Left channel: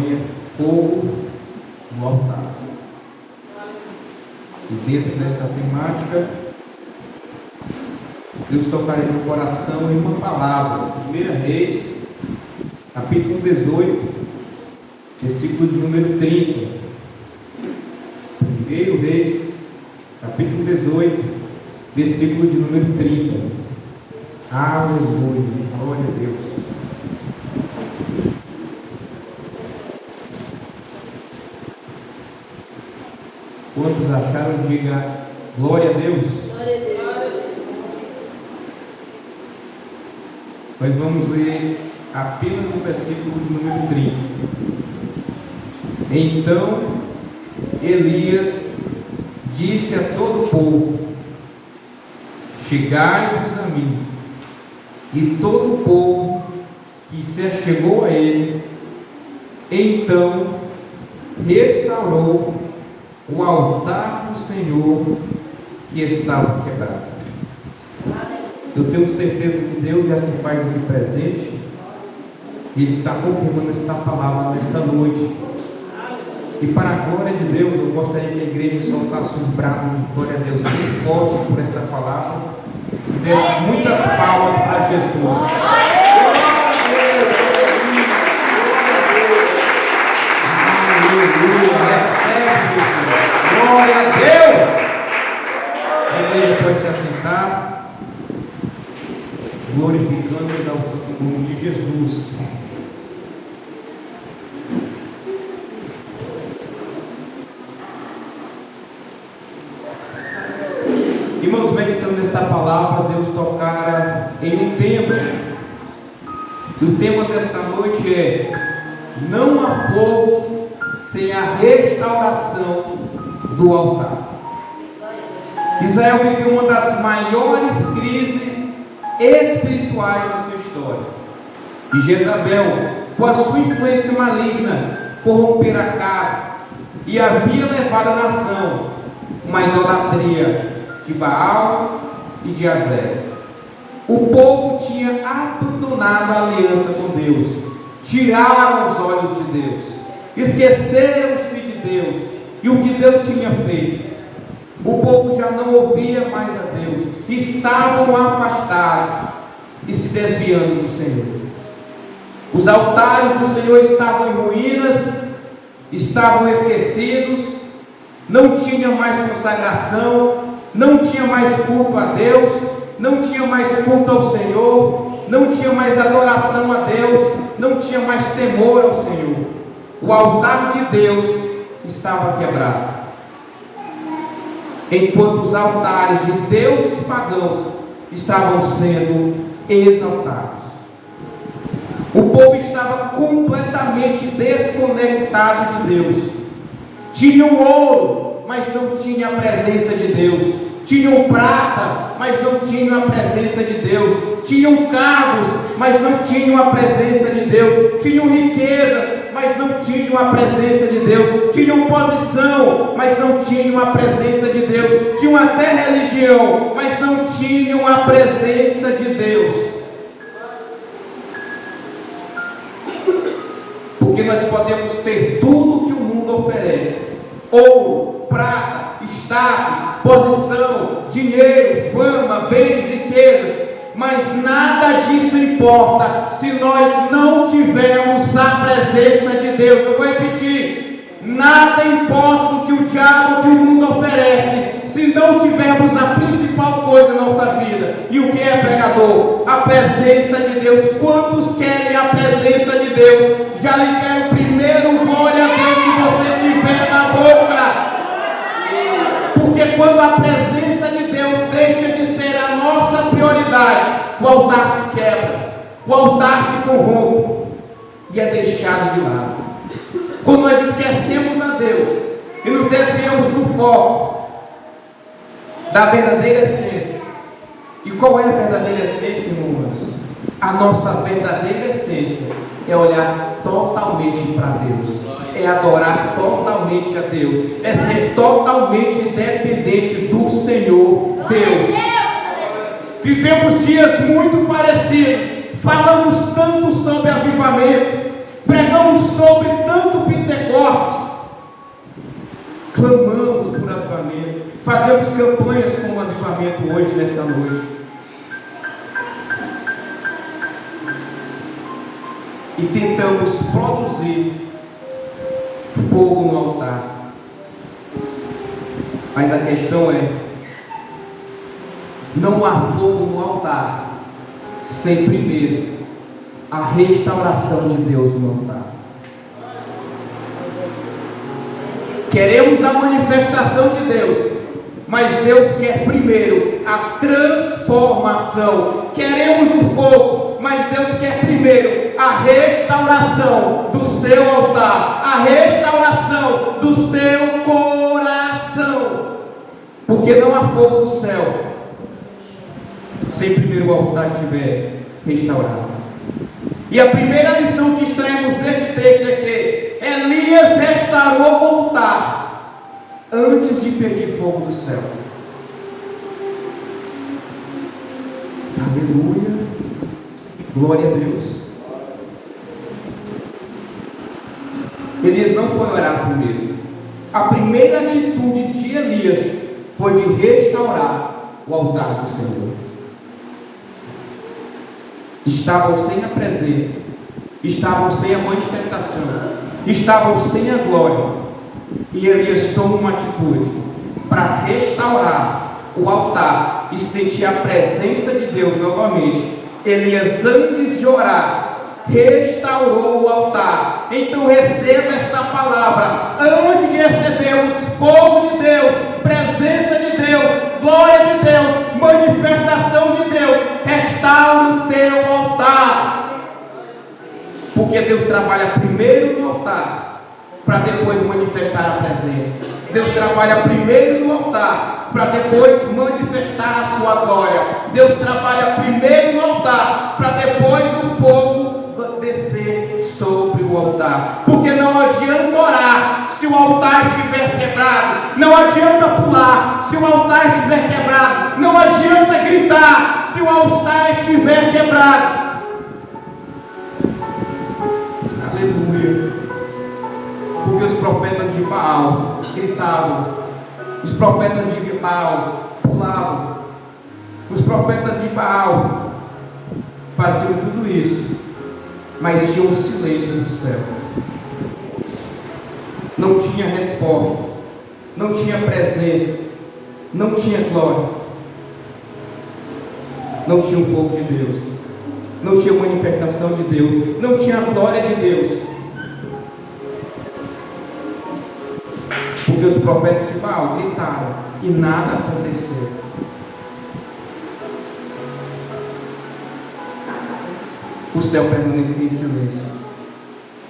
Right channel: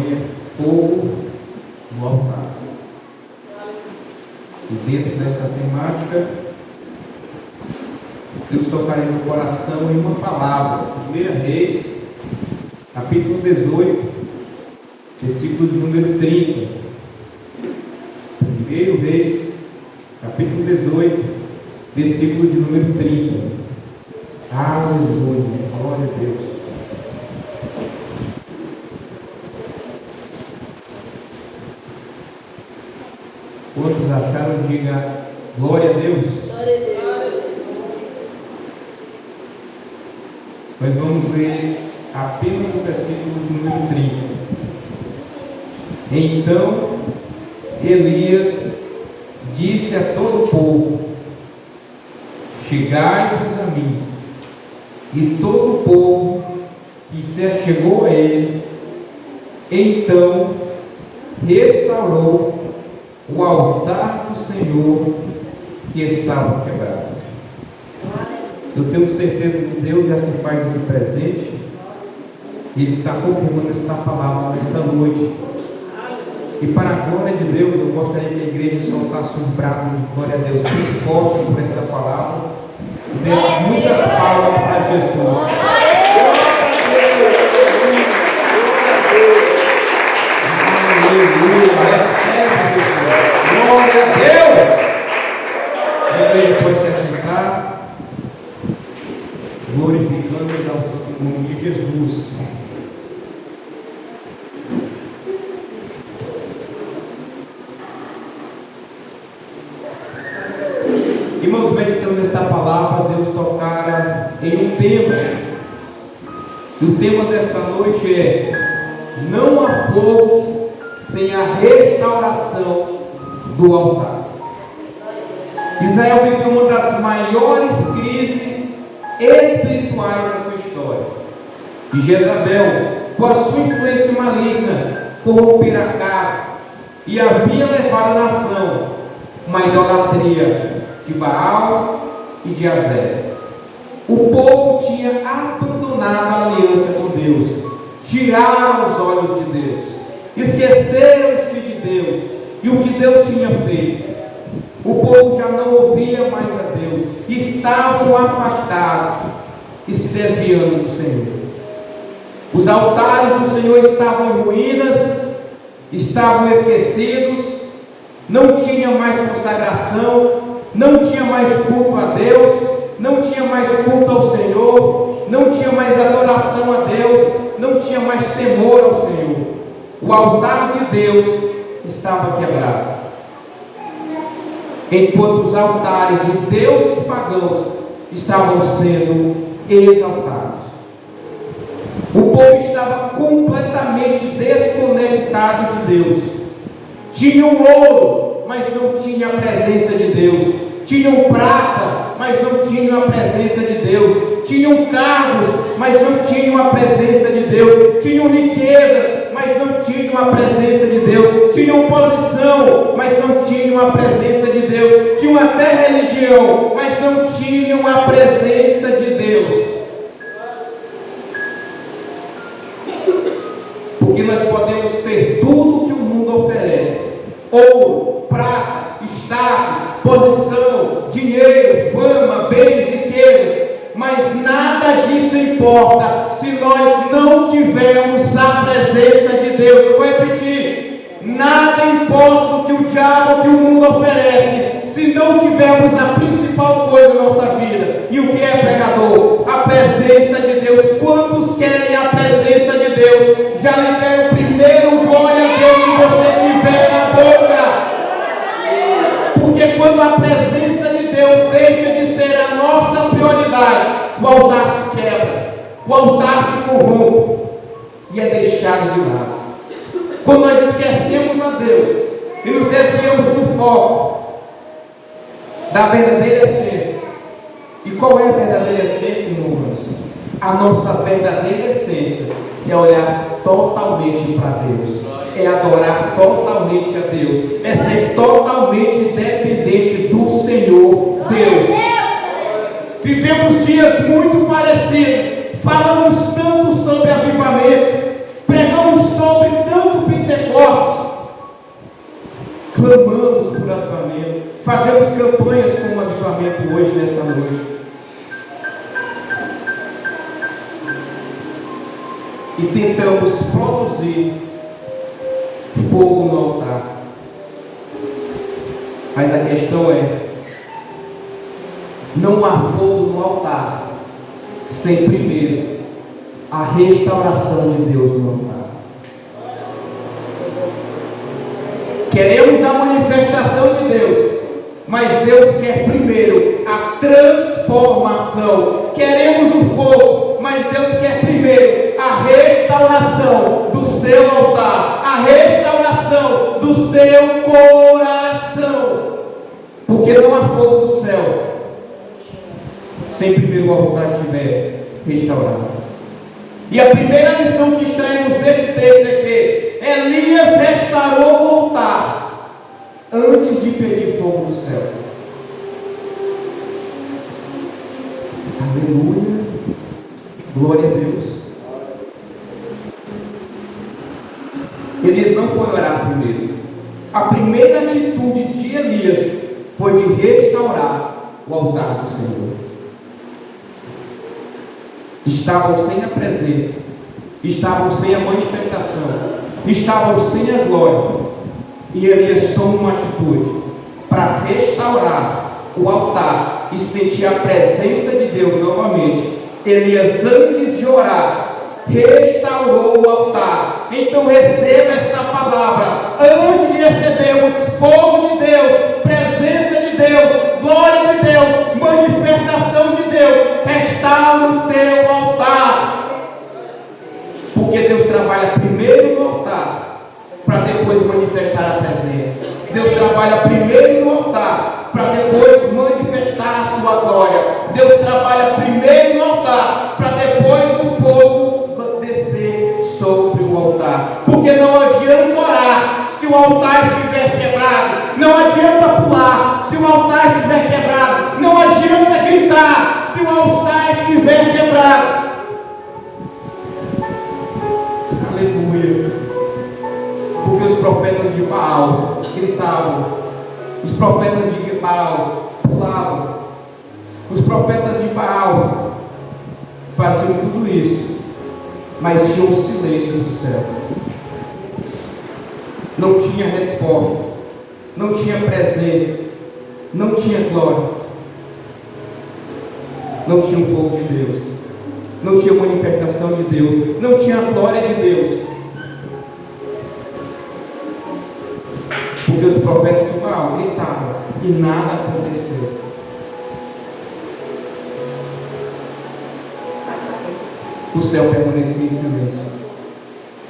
campanha Fogo no Altar. E dentro dessa temática, Deus tocará no coração em uma palavra. 1 Reis, capítulo 18, versículo de número 30. 1 Reis, capítulo 18, versículo de número 30. Aleluia, glória a Deus. Quantos acharam? Diga glória a Deus. Glória a Deus. Nós vamos ler apenas o versículo de número 30. Então Elias disse a todo o povo: chegai-vos a mim. E todo o povo que se achegou a ele, então restaurou o altar do Senhor que estava quebrado. Eu tenho certeza que Deus já se faz aqui presente e Ele está confirmando esta palavra nesta noite. E para a glória de Deus, eu gostaria que a igreja soltasse um brado de glória a Deus muito forte por esta palavra e desse muitas palmas para Jesus. Aleluia, recebe Jesus. Glória a Deus. A igreja pode se assentar, glorificando e exaltando o nome de Jesus. Irmãos, meditando nesta palavra, Deus tocara em um tema. E o tema desta noite é: não há fogo sem a restauração do altar. Israel viveu uma das maiores crises espirituais da sua história. E Jezabel, por sua influência maligna, corrompera a cara e havia levado a nação uma idolatria de Baal e de Azera. O povo tinha abandonado a aliança com Deus, tiraram os olhos de Deus, esqueceram-se de Deus e o que Deus tinha feito. O povo já não ouvia mais a Deus, estavam afastados e se desviando do Senhor. Os altares do Senhor estavam em ruínas, estavam esquecidos, não tinha mais consagração, não tinha mais culto a Deus, não tinha mais culto ao Senhor, não tinha mais adoração a Deus, não tinha mais temor ao Senhor. O altar de Deus estava quebrado, enquanto os altares de deuses pagãos estavam sendo exaltados. O povo estava completamente desconectado de Deus. Tinham ouro, mas não tinha a presença de Deus. Tinham prata, mas não tinham a presença de Deus. Tinham cargos, mas não tinham a presença de Deus. Tinham riquezas, mas não tinham a presença de Deus. Tinham posição, mas não tinham a presença de Deus. Tinham até religião, mas não tinham a presença de Deus. Porque nós podemos ter tudo que o mundo oferece: ouro, prata, status, posição, dinheiro, fama, bens, riquezas, mas nada disso importa se nós não tivermos a presença de Deus. Eu vou repetir: nada importa do que o diabo ou que o mundo oferece se não tivermos a principal coisa da nossa vida. E o que é, pregador? A presença de Deus. Quantos querem a presença de Deus? Já libera o primeiro glória a Deus que você tiver na boca. Porque quando a presença de Deus deixa de ser a nossa prioridade, o altar se quebra, o altar se corrompe e é deixado de lado. Quando nós esquecemos a Deus e nos desviamos do foco da verdadeira essência. E qual é a verdadeira essência, irmãos? A nossa verdadeira essência é olhar totalmente para Deus, é adorar totalmente a Deus, é ser totalmente dependente do Senhor Deus. Vivemos dias muito parecidos, falamos tanto sobre avivamento, pregamos sobre tanto clamamos por avivamento, fazemos campanhas como avivamento hoje, nesta noite. E tentamos produzir fogo no altar. Mas a questão é, não há fogo no altar sem primeiro a restauração de Deus no altar. Queremos a manifestação de Deus, mas Deus quer primeiro a transformação. Queremos o fogo, mas Deus quer primeiro a restauração do seu altar, a restauração do seu coração. Porque não há fogo do céu sem primeiro o altar estiver restaurado. E a primeira lição que extraímos deste texto é que Elias restaurou o altar antes de pedir fogo do céu. Aleluia, glória a Deus. Elias não foi orar primeiro. A primeira atitude de Elias foi de restaurar o altar do Senhor. Estavam sem a presença, estavam sem a manifestação, estavam sem a glória. E Elias toma uma atitude para restaurar o altar e sentir a presença de Deus novamente. Elias, antes de orar, restaurou o altar. Então receba esta palavra: antes de recebermos fogo de Deus, presença de Deus, glória de Deus, manifestação de Deus, restaura o teu altar. Porque Deus trabalha primeiro no altar para depois manifestar a presença. Deus trabalha primeiro no altar para depois manifestar a sua glória. Deus trabalha primeiro no altar para depois o fogo descer sobre o altar. Porque não adianta orar se o altar estiver quebrado. Não adianta pular se o altar estiver quebrado. Não adianta gritar se o altar estiver quebrado. Aleluia. Porque os profetas de Baal gritavam, os profetas de Baal pulavam, os profetas de Baal faziam tudo isso, mas tinha um silêncio do céu. Não tinha resposta, não tinha presença, não tinha glória, não tinha o fogo de Deus, não tinha manifestação de Deus, não tinha a glória de Deus. Porque os profetas de Baal gritavam e nada aconteceu. O céu permanecia em silêncio.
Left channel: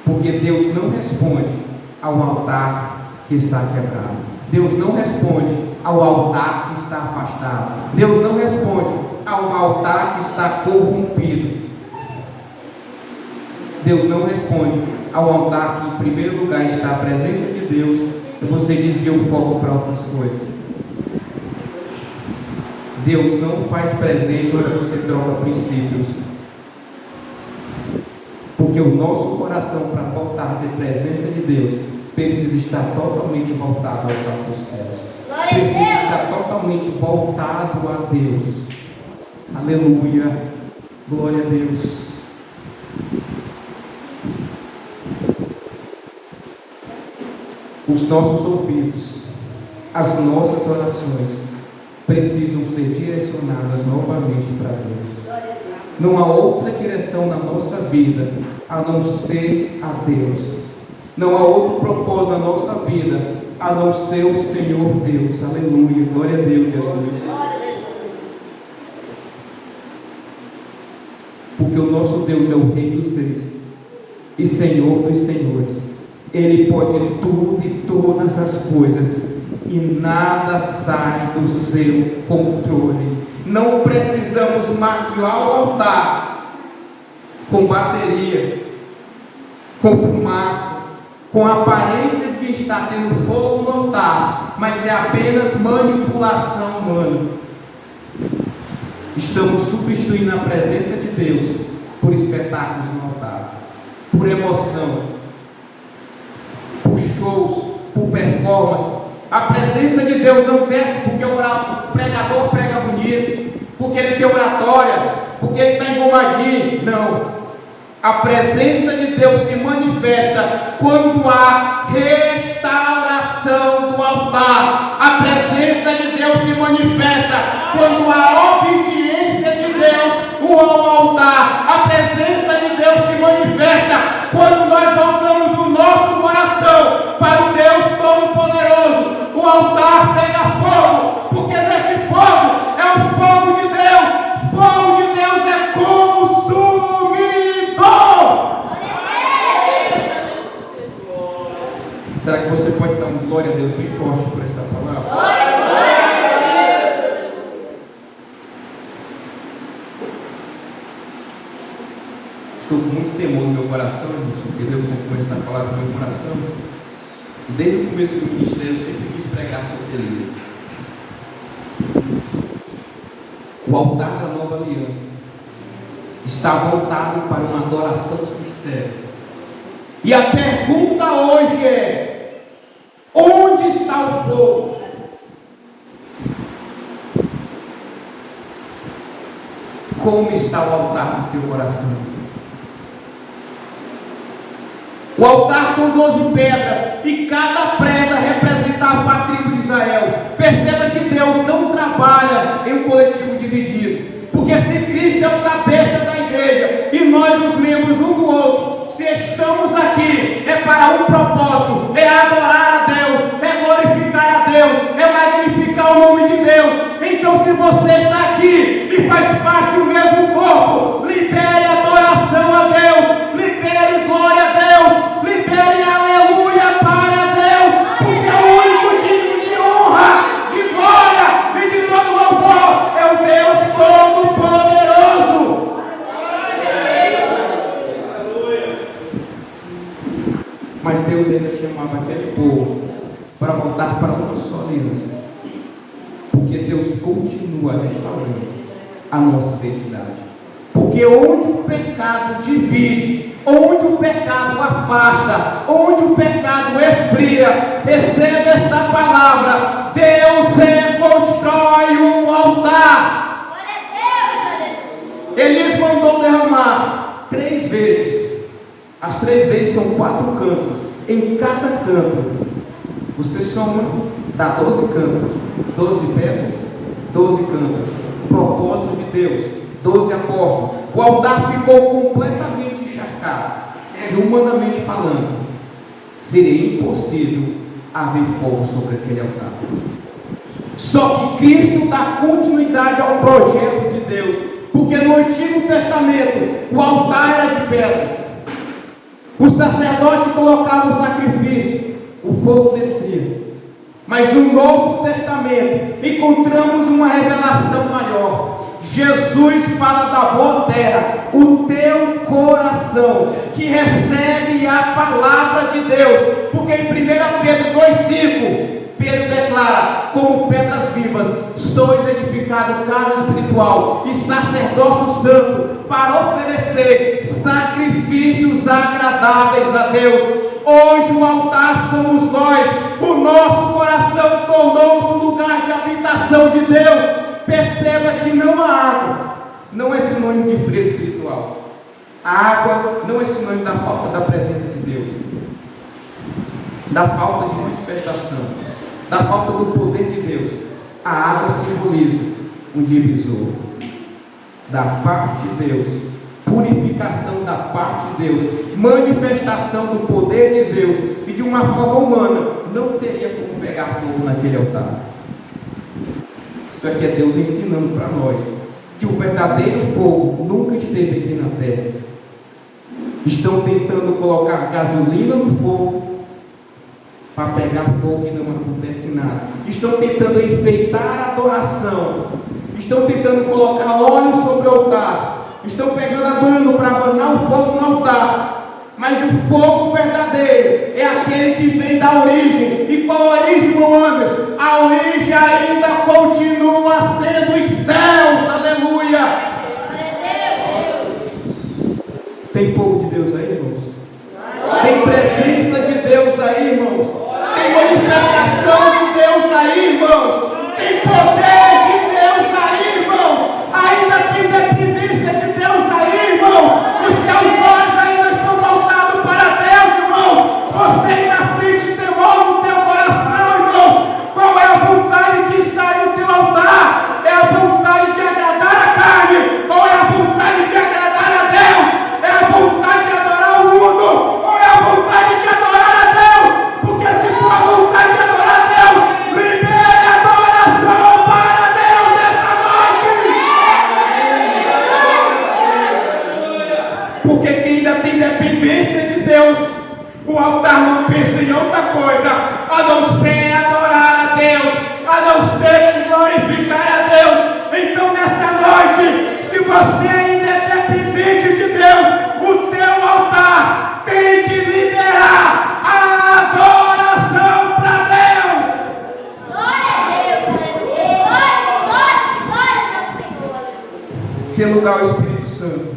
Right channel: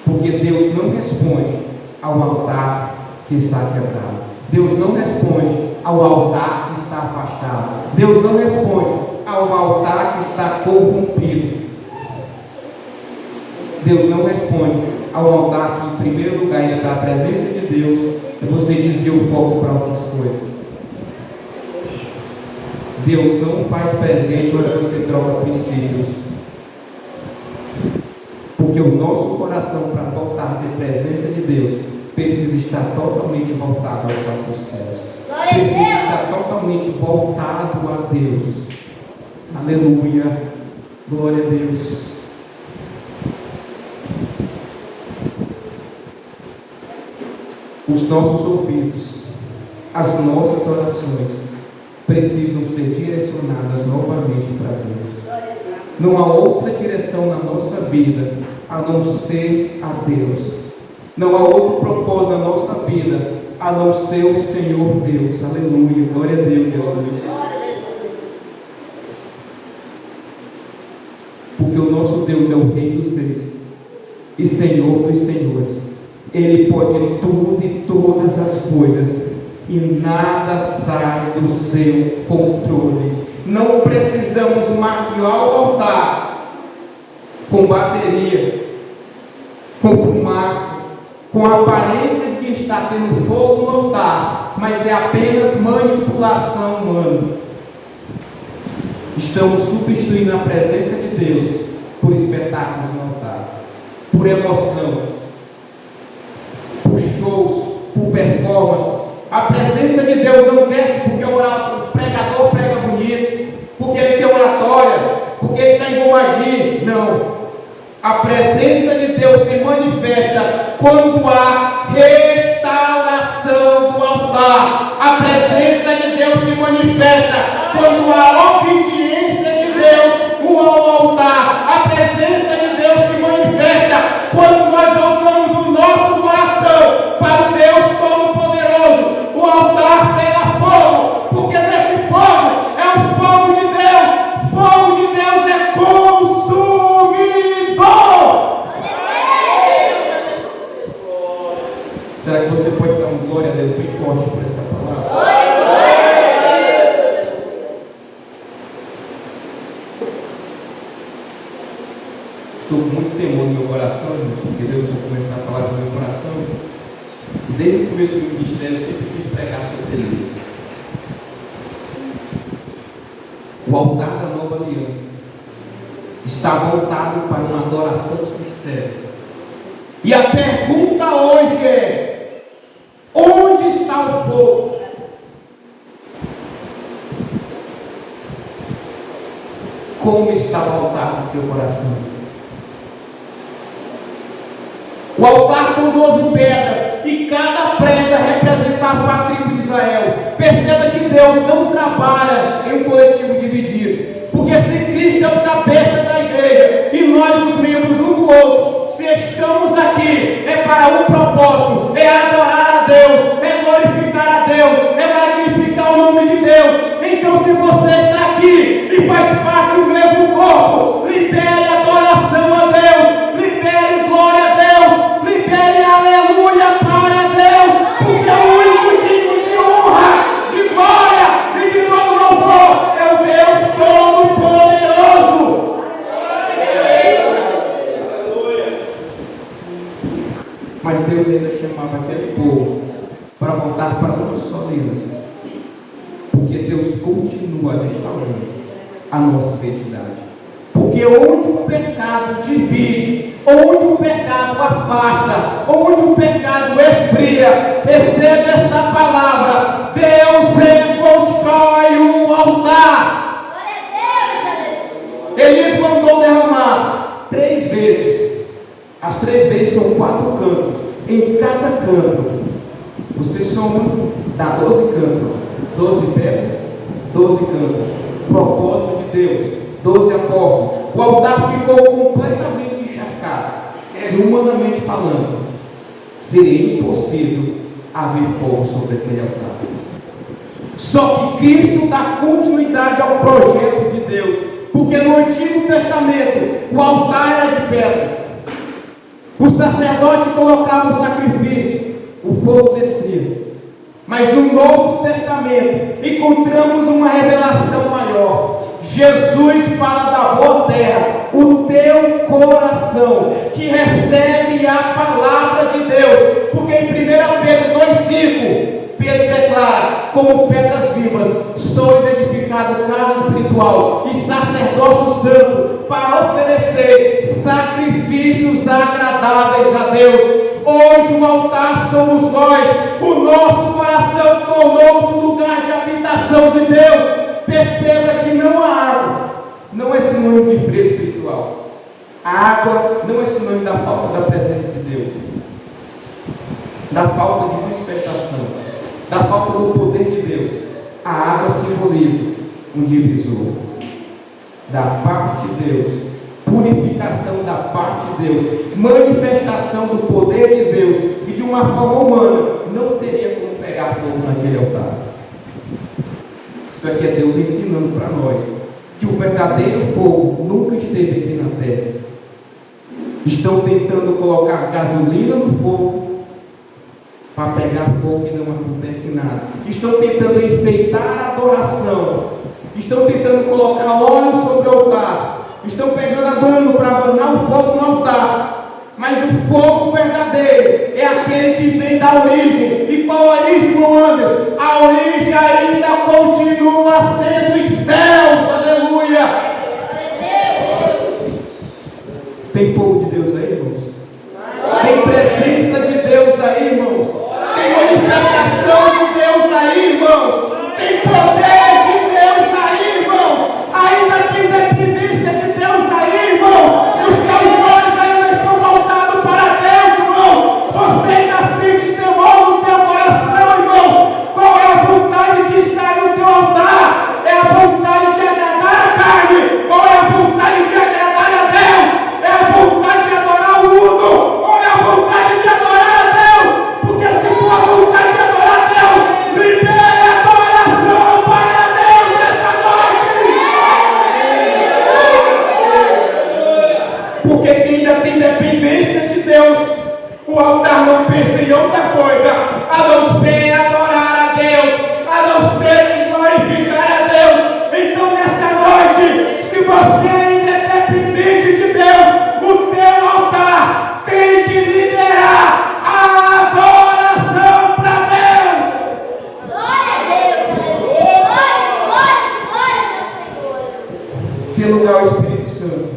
Porque Deus não responde ao altar que está quebrado. Deus não responde ao altar que está afastado. Deus não responde ao altar que está corrompido. Deus não responde ao altar que em primeiro lugar está a presença de Deus e você desvia o foco para outras coisas. Deus não faz presente quando você troca princípios. Porque o nosso coração, para voltar a ter presença de Deus, precisa estar totalmente voltado aos altos céus. Precisa estar totalmente voltado a Deus. Aleluia. Glória a Deus. Os nossos ouvidos, as nossas orações precisam ser direcionadas novamente para Deus. Não há outra direção na nossa vida a não ser a Deus. Não há outro propósito na nossa vida a não ser o Senhor Deus. Aleluia, glória a Deus, Jesus. Porque o nosso Deus é o Rei dos Reis e Senhor dos Senhores. Ele pode tudo e todas as coisas e nada sai do seu controle. Não precisamos maquiar o altar com bateria, com fumaça, com a aparência de que está tendo fogo no altar, mas é apenas manipulação humana. Estamos substituindo a presença de Deus por espetáculos no altar, por emoção, por shows, por performance, Deus não desce porque o pregador prega bonito, porque ele tem oratória, porque ele está engomadinho. Não. A presença de Deus se manifesta quando há restauração do altar. A presença de Deus se manifesta quando há obediência de Deus ao altar. A presença de Deus se manifesta quando nós voltamos o nosso coração para o Deus Todo-Poderoso. O altar pega fogo, porque neste fogo é o fogo de Deus. Fogo de Deus é consumidor. Será que você pode dar um glória a Deus bem forte por esta palavra? Estou com muito temor no meu coração, porque Deus confirma esta palavra no meu coração. E desde o começo do ministério eu sempre quis pregar sobre beleza. O altar da nova aliança está voltado para uma adoração sincera. E a pergunta hoje é: onde está o fogo? Como está o altar do teu coração? O altar com 12 pedras, e cada pedra representava a tribo de Israel. Perceba que Deus não trabalha em um coletivo dividido, porque se Cristo é o cabeça da igreja e nós os membros um do outro, se estamos aqui é para um propósito, é adorar a Deus, é glorificar a Deus, é magnificar o nome de Deus. Então, se você está aqui e faz parte do mesmo corpo, libere adoração a Deus, libere glória a Deus, libere aleluia para Deus, porque o único digno de honra, de glória e de todo louvor é o Deus Todo-Poderoso. Mas Deus ainda chamava aquele povo para voltar para uma só aliança, porque Deus continua restaurando a nossa identidade. Porque onde o pecado divide, onde o pecado afasta, onde o pecado esfria, receba esta palavra: Deus reconstrói um altar. Ele mandou derramar 3 vezes. As 3 vezes são 4 cantos. Em cada canto você soma, dá 12 cantos, 12 pedras, 12 cantos. Propósito de Deus, 12 apóstolos. O altar ficou completamente encharcado. E humanamente falando, seria impossível haver fogo sobre aquele altar. Só que Cristo dá continuidade ao projeto de Deus, porque no Antigo Testamento o altar era de pedras. O sacerdote colocava o sacrifício, o fogo descia. Mas no Novo Testamento encontramos uma revelação maior. Jesus fala da boa terra, o teu coração, que recebe a palavra de Deus. Porque em 1 Pedro 2,5, Pedro declara: como pedras vivas, sois edificado casa espiritual e sacerdócio santo, para oferecer sacrifícios agradáveis a Deus. Hoje o altar somos nós. O nosso coração tornou-se lugar de habitação de Deus. Perceba que não há água, não é sinônimo de frio espiritual. A água não é sinônimo da falta da presença de Deus, da falta de manifestação, da falta do poder de Deus. A água simboliza um divisor da parte de Deus, purificação da parte de Deus, manifestação do poder de Deus. E de uma forma humana não teria como pegar fogo naquele altar. Isso aqui é Deus ensinando para nós que o verdadeiro fogo nunca esteve aqui na terra. Estão tentando colocar gasolina no fogo para pegar fogo e não acontece nada. Estão tentando enfeitar a adoração. Estão tentando colocar óleo sobre o altar. Estão pegando a banda para abanar o fogo no altar. Mas o fogo verdadeiro é aquele que vem da origem. E qual a origem, Mohamed? A origem ainda continua sendo os céus. Aleluia! Tem fogo de Deus aí, irmãos? Tem presença de Deus aí, irmãos? Tem manifestação de Deus aí, irmãos? a não ser em glorificar a Deus. Então nesta noite, se você ainda é dependente de Deus, o teu altar tem que liderar a adoração para Deus. Glória a Deus, aleluia. Glórias ao Senhor. Tem lugar ao Espírito Santo.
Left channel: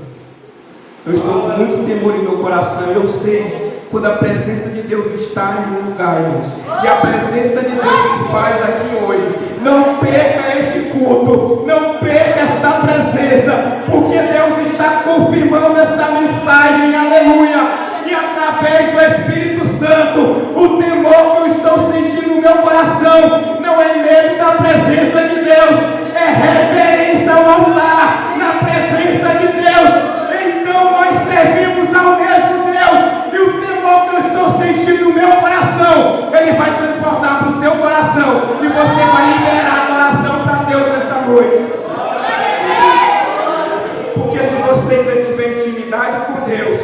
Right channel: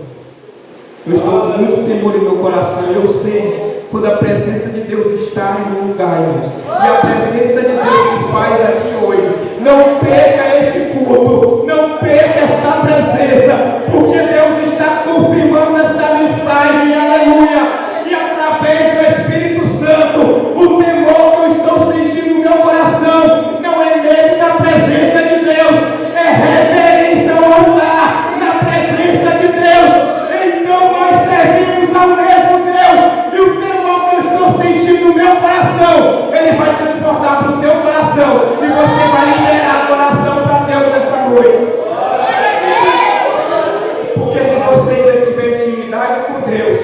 Eu estou com muito temor em meu coração e eu sei quando a presença de Deus está em um lugar, irmãos. E a presença de Deus se faz aqui hoje. Não perca este culto, não perca esta presença, porque Deus está confirmando esta mensagem, aleluia. E através do Espírito Santo, o temor que eu estou sentindo no meu coração não é medo da presença de Deus, é reverência ao altar na presença de Deus. Então nós servimos ao mesmo Deus, e o temor que eu estou sentindo no meu coração, ele vai transportar para o teu coração, e você vai liberar adoração para Deus nesta noite. Porque se você ainda tiver intimidade com Deus,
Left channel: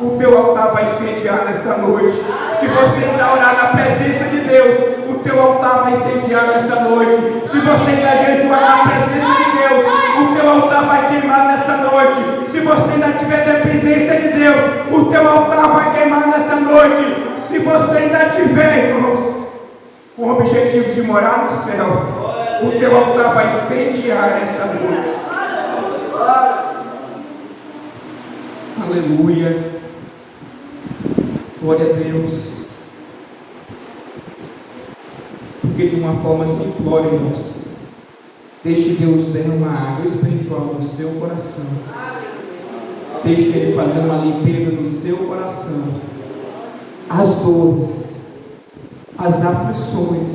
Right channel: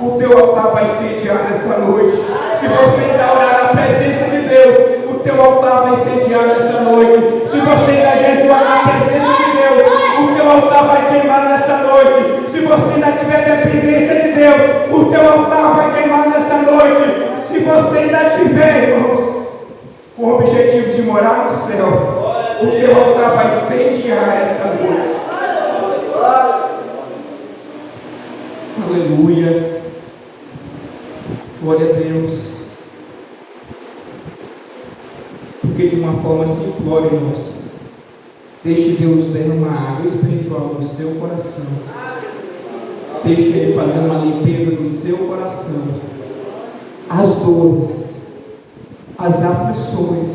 o teu altar vai incendiar nesta noite. Se você ainda orar na presença de Deus, o teu altar vai incendiar nesta noite. Se você ainda jejuar na presença de Deus, o teu altar vai queimar nesta noite. Se você ainda tiver dependência de Deus, o teu altar vai queimar nesta noite. Se você ainda tiver, irmãos, com o objetivo de morar no céu, o teu altar vai incendiar esta noite. Aleluia. Glória a Deus. Porque de uma forma simplória, irmãos, deixe Deus derramar água espiritual no seu coração. Deixe Ele fazer uma limpeza do seu coração. As dores, as aflições,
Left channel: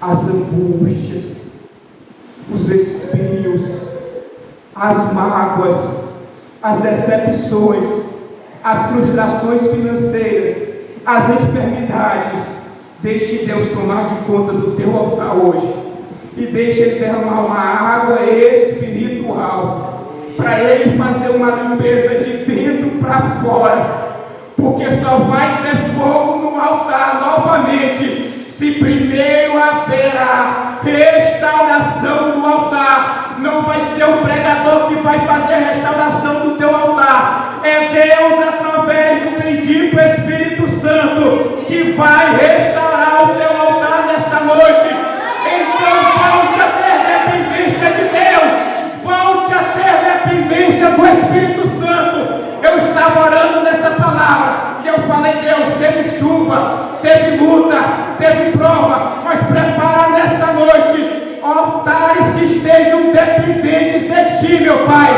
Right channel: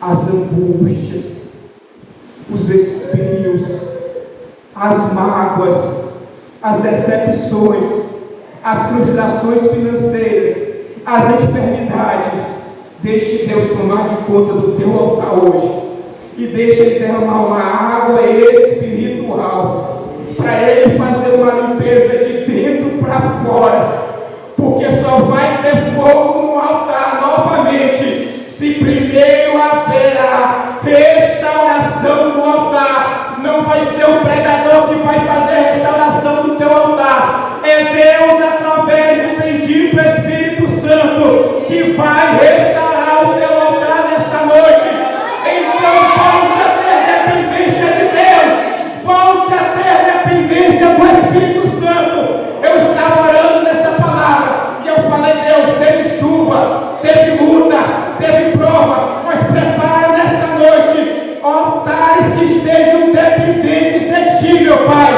as angústias, os espinhos, as mágoas, as decepções, as frustrações financeiras, as enfermidades. Deixe Deus tomar de conta do teu altar hoje e deixe Ele derramar uma água espiritual para Ele fazer uma limpeza de dentro para fora, porque só vai ter fogo no altar novamente se primeiro haverá restauração do altar. Não vai ser o pregador que vai fazer a restauração do teu altar, é Deus através do bendito Espírito Santo que vai restaurar o teu altar nesta noite. Então volte a ter dependência de Deus, volte a ter dependência do Espírito Santo. Eu estava orando nessa palavra e eu falei: Deus, teve chuva, teve luta, teve prova, mas prepara nesta noite altares que estejam dependentes de Ti, meu Pai,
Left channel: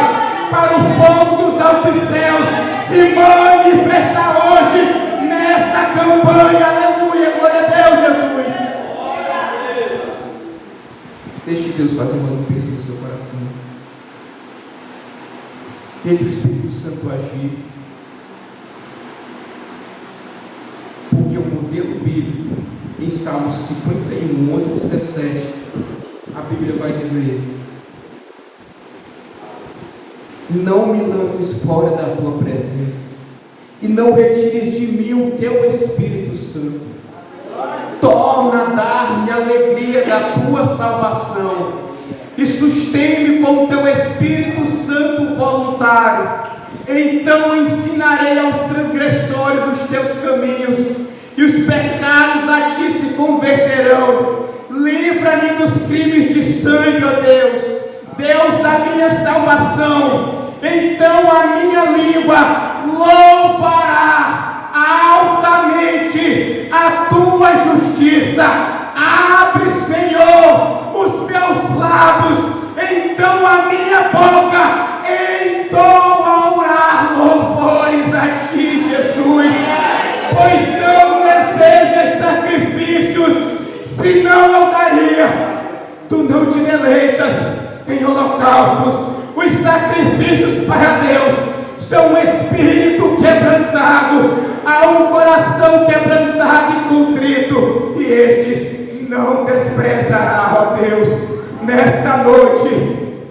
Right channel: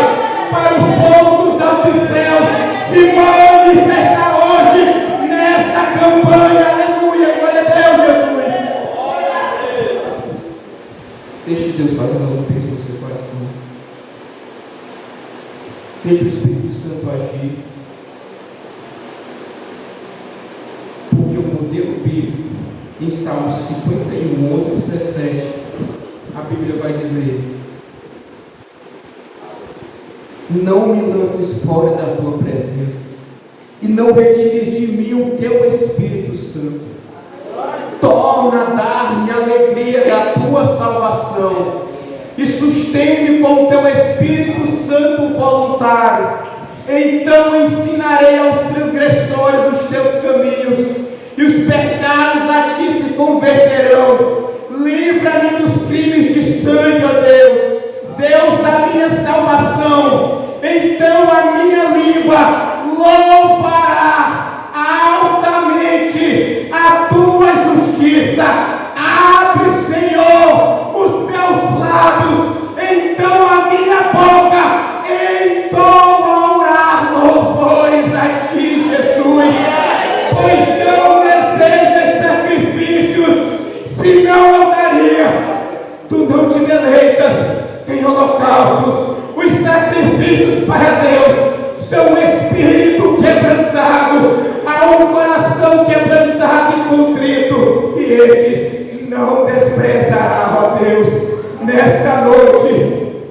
para o fogo dos altos céus se manifestar hoje nesta campanha. Aleluia, glória a Deus, Jesus. Deixe Deus fazer uma limpeza no seu coração. Deixe o Espírito Santo agir. Porque o modelo bíblico, em Salmos 51, 11 e 17, a Bíblia vai dizer: não me lances fora da tua presença, e não retires de mim o teu Espírito Santo. Torna a dar-me a alegria da tua salvação, e sustém-me com o teu Espírito Santo voluntário. Então ensinarei aos transgressores os teus caminhos, e os pecados a ti se converterão. Livra-me dos crimes de sangue, ó Deus, Deus da minha salvação. Então a minha língua louvará altamente a tua justiça. Abre, Senhor, os teus lábios, então a minha boca entoará louvores a ti, Jesus. Pois não desejas sacrifícios, senão eu daria. Tu não te deleitas em holocaustos. Os sacrifícios para Deus são um espírito quebrantado, há um coração quebrantado e contrito, e estes não desprezará, ó Deus. Nesta noite,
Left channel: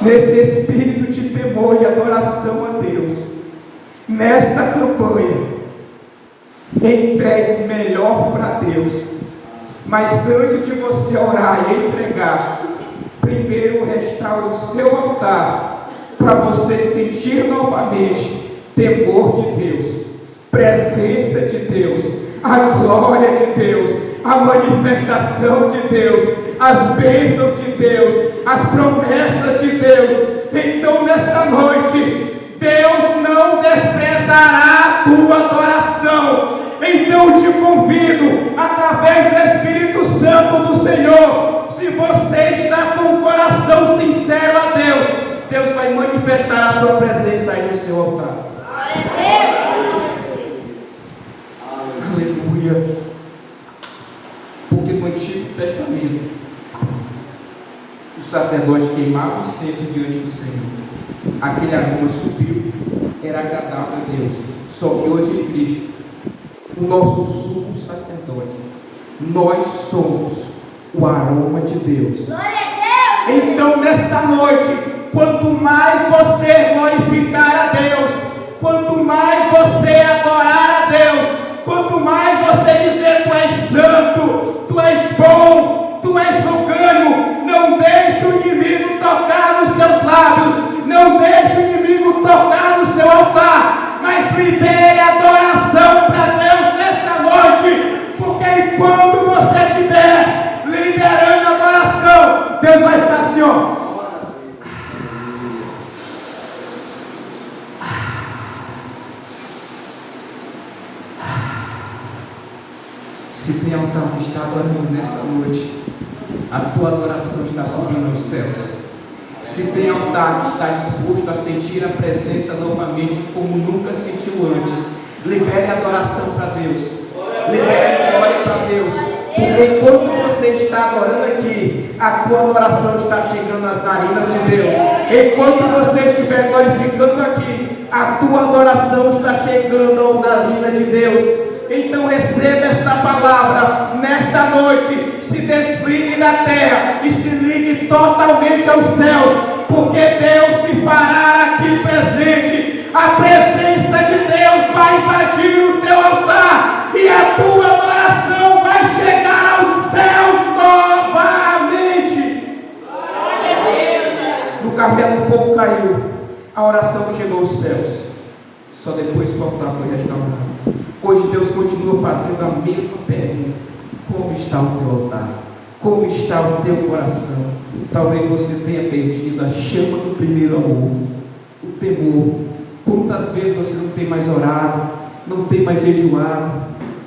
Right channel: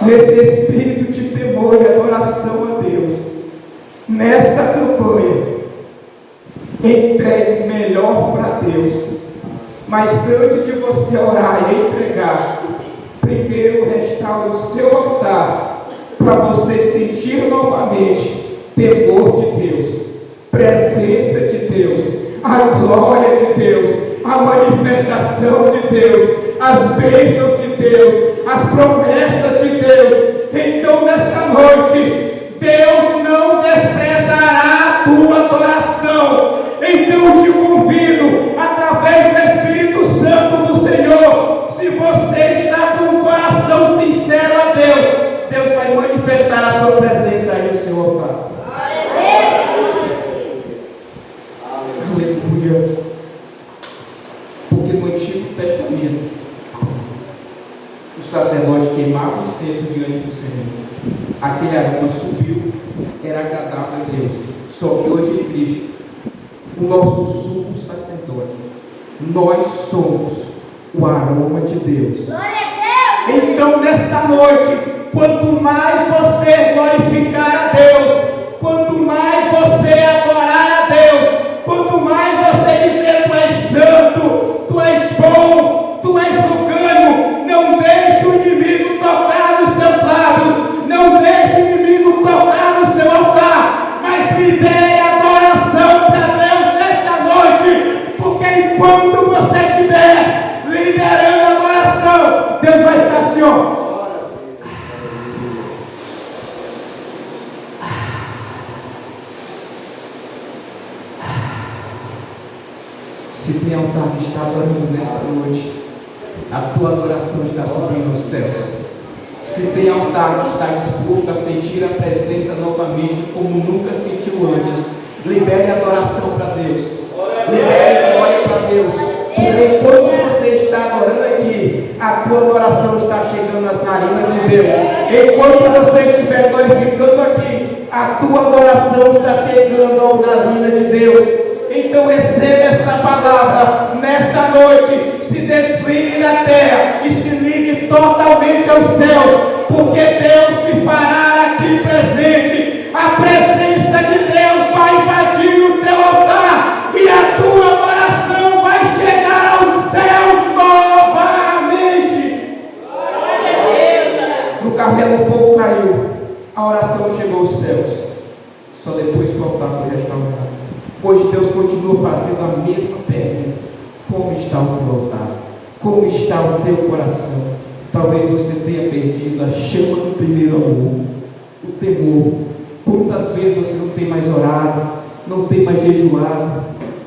nesse espírito de temor e adoração a Deus, nesta campanha, entregue o melhor para Deus, Mas antes de você orar e entregar, primeiro restaure o seu altar, para você sentir novamente temor de Deus, presença de Deus, a glória de Deus, a manifestação de Deus, as bênçãos de Deus, as promessas de Deus. Então nesta noite, Deus não desprezará a tua adoração. Então te convido, através do Espírito Santo do Senhor, se você está com o coração sincero a Deus, Deus vai manifestar a sua presença aí no seu altar. Aleluia. Porque no Antigo Testamento, o sacerdote queimava incenso diante do Senhor. Aquele aroma subiu, era agradável a Deus. Só que hoje em Cristo, o nosso sumo sacerdote, nós somos o aroma de Deus. Então nesta noite, quanto mais você glorificar a Deus, quanto mais você adorar a Deus, quanto mais você dizer: tu és santo, tu és bom, tu és longânimo, não deixe o inimigo tocar nos seus lábios, não deixe o inimigo tocar no seu altar, mas libere adoração para Deus nesta noite, porque enquanto você estiver liberando adoração, Deus vai estar assim, ó. Se tem altar que está adorando nesta noite, a tua adoração está subindo aos céus. Se tem altar que está disposto a sentir a presença novamente como nunca sentiu antes, libere adoração para Deus, libere glória para Deus, porque enquanto você está adorando aqui, a tua adoração está chegando às narinas de Deus. Enquanto você estiver glorificando aqui, a tua adoração está chegando ao narina de Deus. Então receba esta palavra nesta noite, se desligue da terra e se ligue totalmente aos céus, porque Deus se fará aqui presente. A presença de Deus vai invadir o teu altar e a tua adoração vai chegar aos céus novamente. No Carmelo o fogo caiu, a oração chegou aos céus, só depois que o altar foi restaurado. Hoje Deus continua fazendo a mesma pergunta: como está o teu altar? Como está o teu coração? Talvez você tenha perdido a chama do primeiro amor, o temor. Quantas vezes você não tem mais orado, não tem mais jejuado,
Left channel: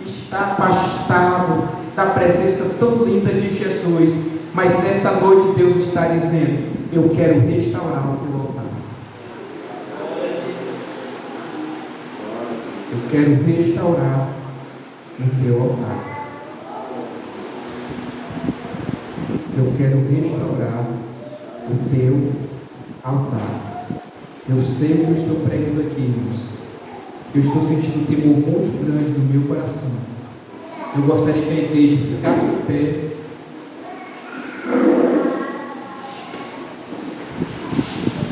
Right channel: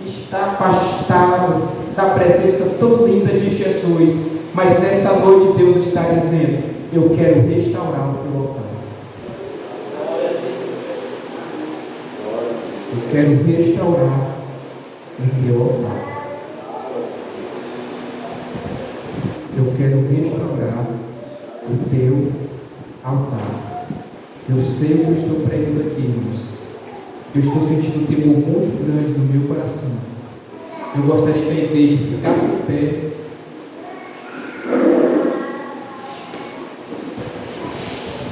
está afastado da presença tão linda de Jesus, mas nessa noite Deus está dizendo: eu quero restaurar o teu altar. Eu quero restaurar o teu altar. Eu quero restaurar o teu altar. Eu sei que eu estou pregando aqui, irmãos. Eu estou sentindo um temor muito grande no meu coração. Eu gostaria que a igreja ficasse em pé.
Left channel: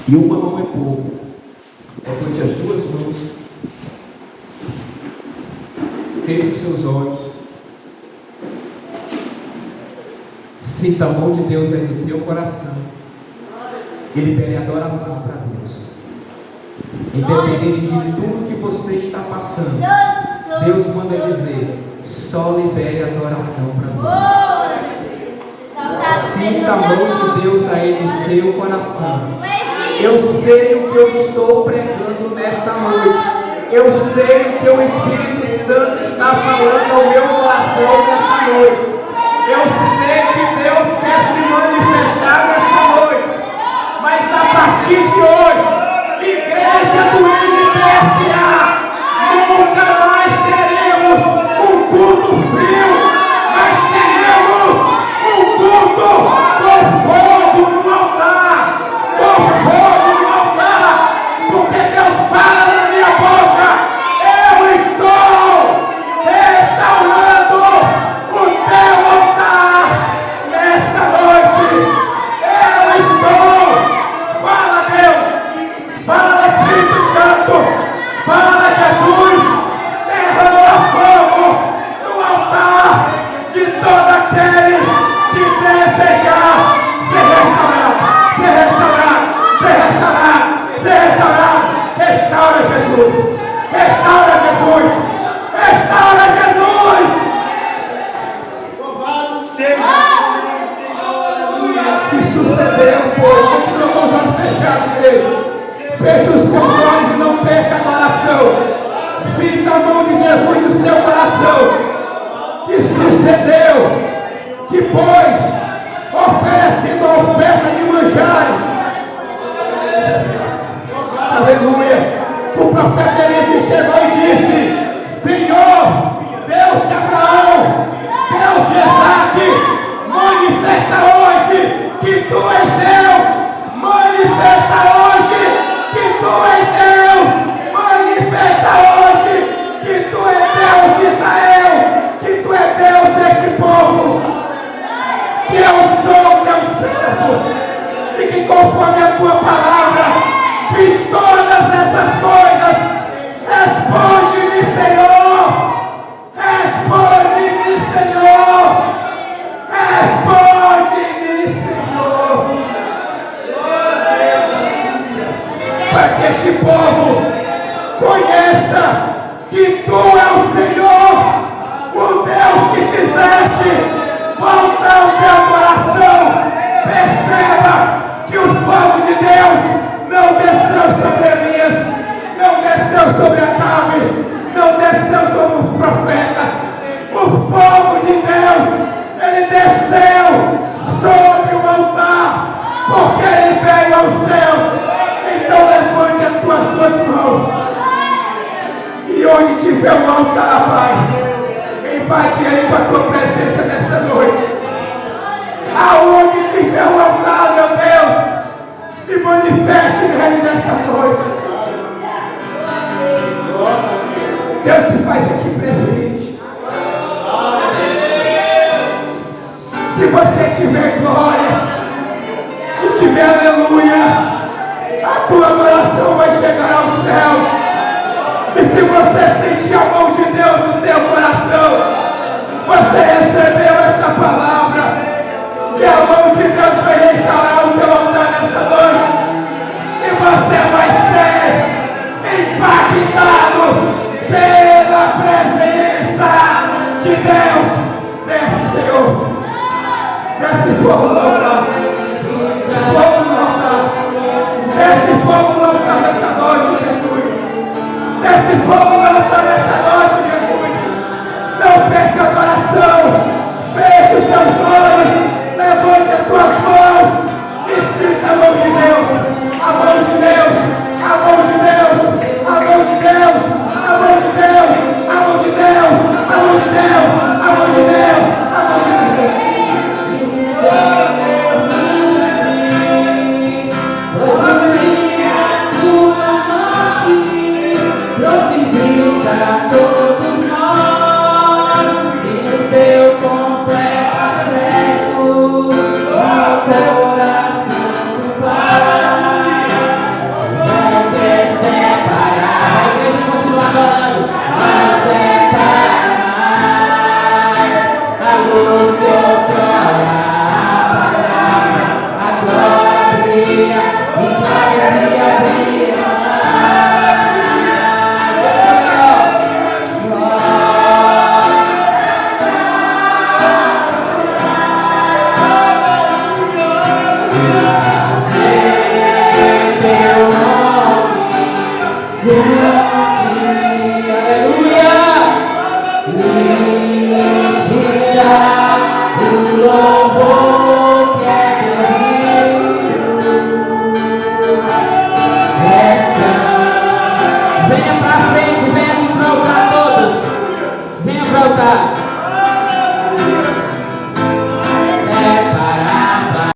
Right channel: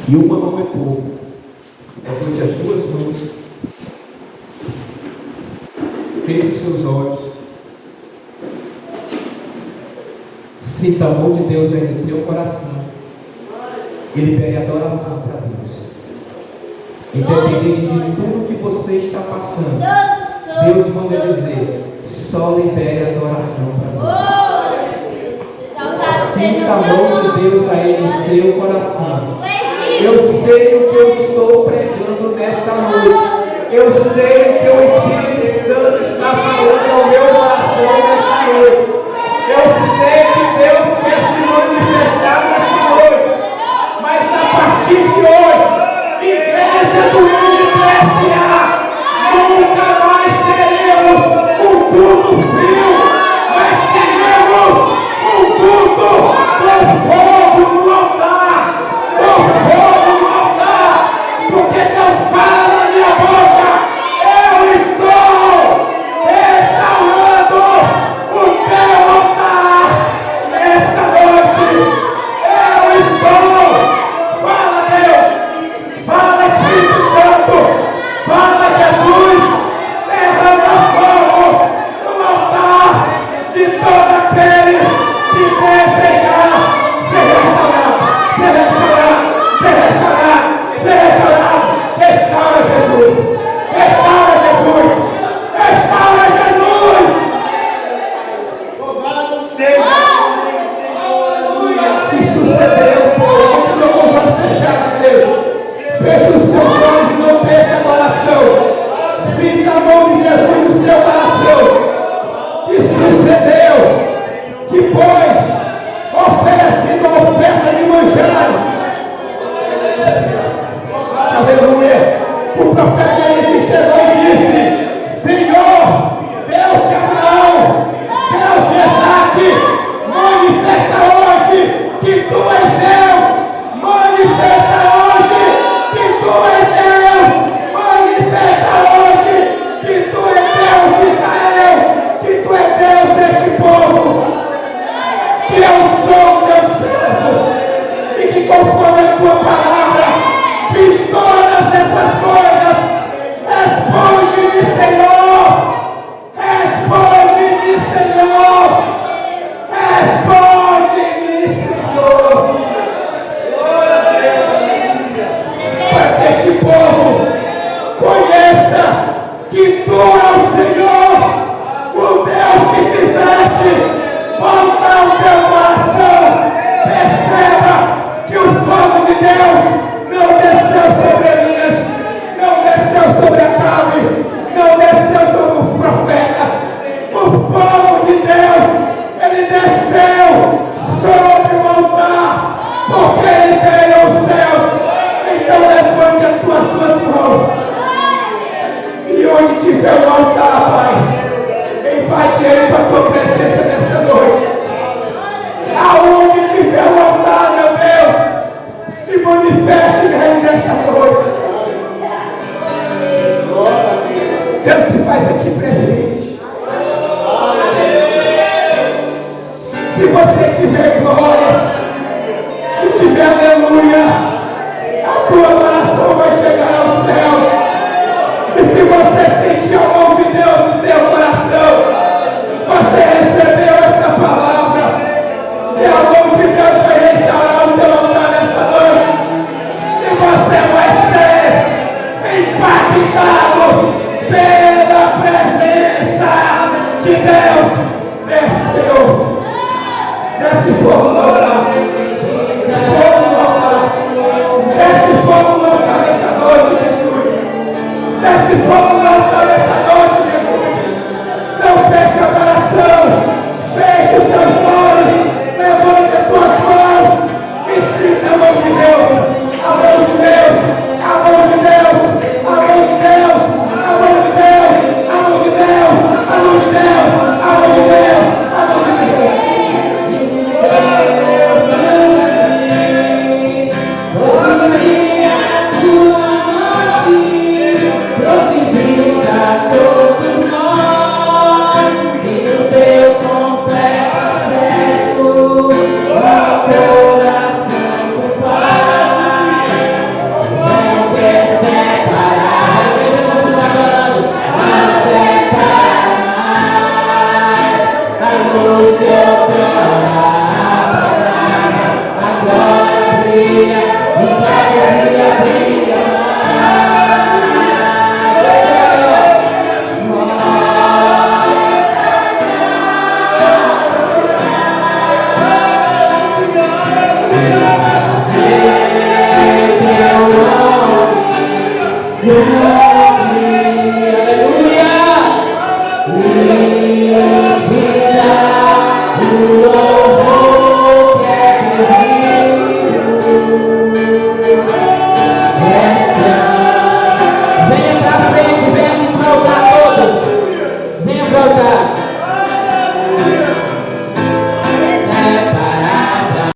E uma mão é pouco. Levante as duas mãos. Feche os seus olhos. Sinta a mão de Deus aí no teu coração. E libere adoração para Deus. Independente de tudo que você está passando, Deus manda dizer: só libere adoração para Deus. Sinta a mão de Deus aí no seu coração. Eu sei o que eu estou pregando nesta noite. Eu sei que o Espírito Santo está falando ao meu coração nesta noite. Eu sei que Deus quer se manifestar nesta noite. Mas a partir de hoje, Igreja do MPFA, nunca mais teremos um culto frio, mas teremos um culto com fogo no altar. Com fogo no altar. Porque Deus fala na minha boca: eu estou restaurando o teu E sucedeu, povo. Continua com os olhos fechados, igreja. Feche os seus olhos e não perca a adoração. Sinta a mão de Jesus no seu coração. E sucedeu que, pois, oferecendo a oferta de manjares, aleluia, o profeta Elias chegou e disse: Senhor, Deus de Abraão, Deus de Isaac, manifesta hoje que tu és Deus, manifesta hoje que tu és Deus, manifesta hoje que tu és Deus de Israel, que tu és Deus deste povo, que eu sou teu servo e que conforme a tua palavra fiz todas essas coisas. Responde-me, Senhor, responde-me, Senhor, responde-me, Senhor, para que este povo conheça que tu és o Senhor, o Deus que fizeste voltar o teu coração. Perceba que o fogo de Deus não desceu sobre Elias, não desceu sobre Acabe, não desceu sobre os profetas. O fogo de Deus, ele desceu sobre o altar, porque ele veio aos céus. Então levante as tuas duas mãos, e onde tiver o altar, Pai, invade ele com a tua presença nesta noite. Aonde tiver o altar, meu Deus, se manifeste nele nesta noite. Deus se faz aqui presente. Se você tiver glória, se tiver aleluia, a tua adoração vai chegar aos céus. E se você sentir a mão de Deus no seu coração, você recebeu esta palavra, e a mão de Deus vai restaurar o teu altar nesta noite, e você vai ser impactado pela presença de Deus. Desce, Senhor, desce fogo no altar, fogo no altar, desce fogo no altar nesta noite, Jesus, desce fogo no altar nesta noite, Jesus. Não perca a adoração, feche os seus olhos, levante as tuas mãos e sinta a mão de Deus, a mão de Deus, a mão de Deus, a mão de Deus, a mão de Deus, a mão de Deus, a mão de Deus, a mão de Deus, a mão de Deus. Todos nós e o teu completo acesso ao coração do Pai. Não quer separar, a igreja continua adorando, não separa mais a luz teu a glória brilha e cada dia brilha mais. Venha pra frente, venha aqui pra altar todas. Venha pra altar.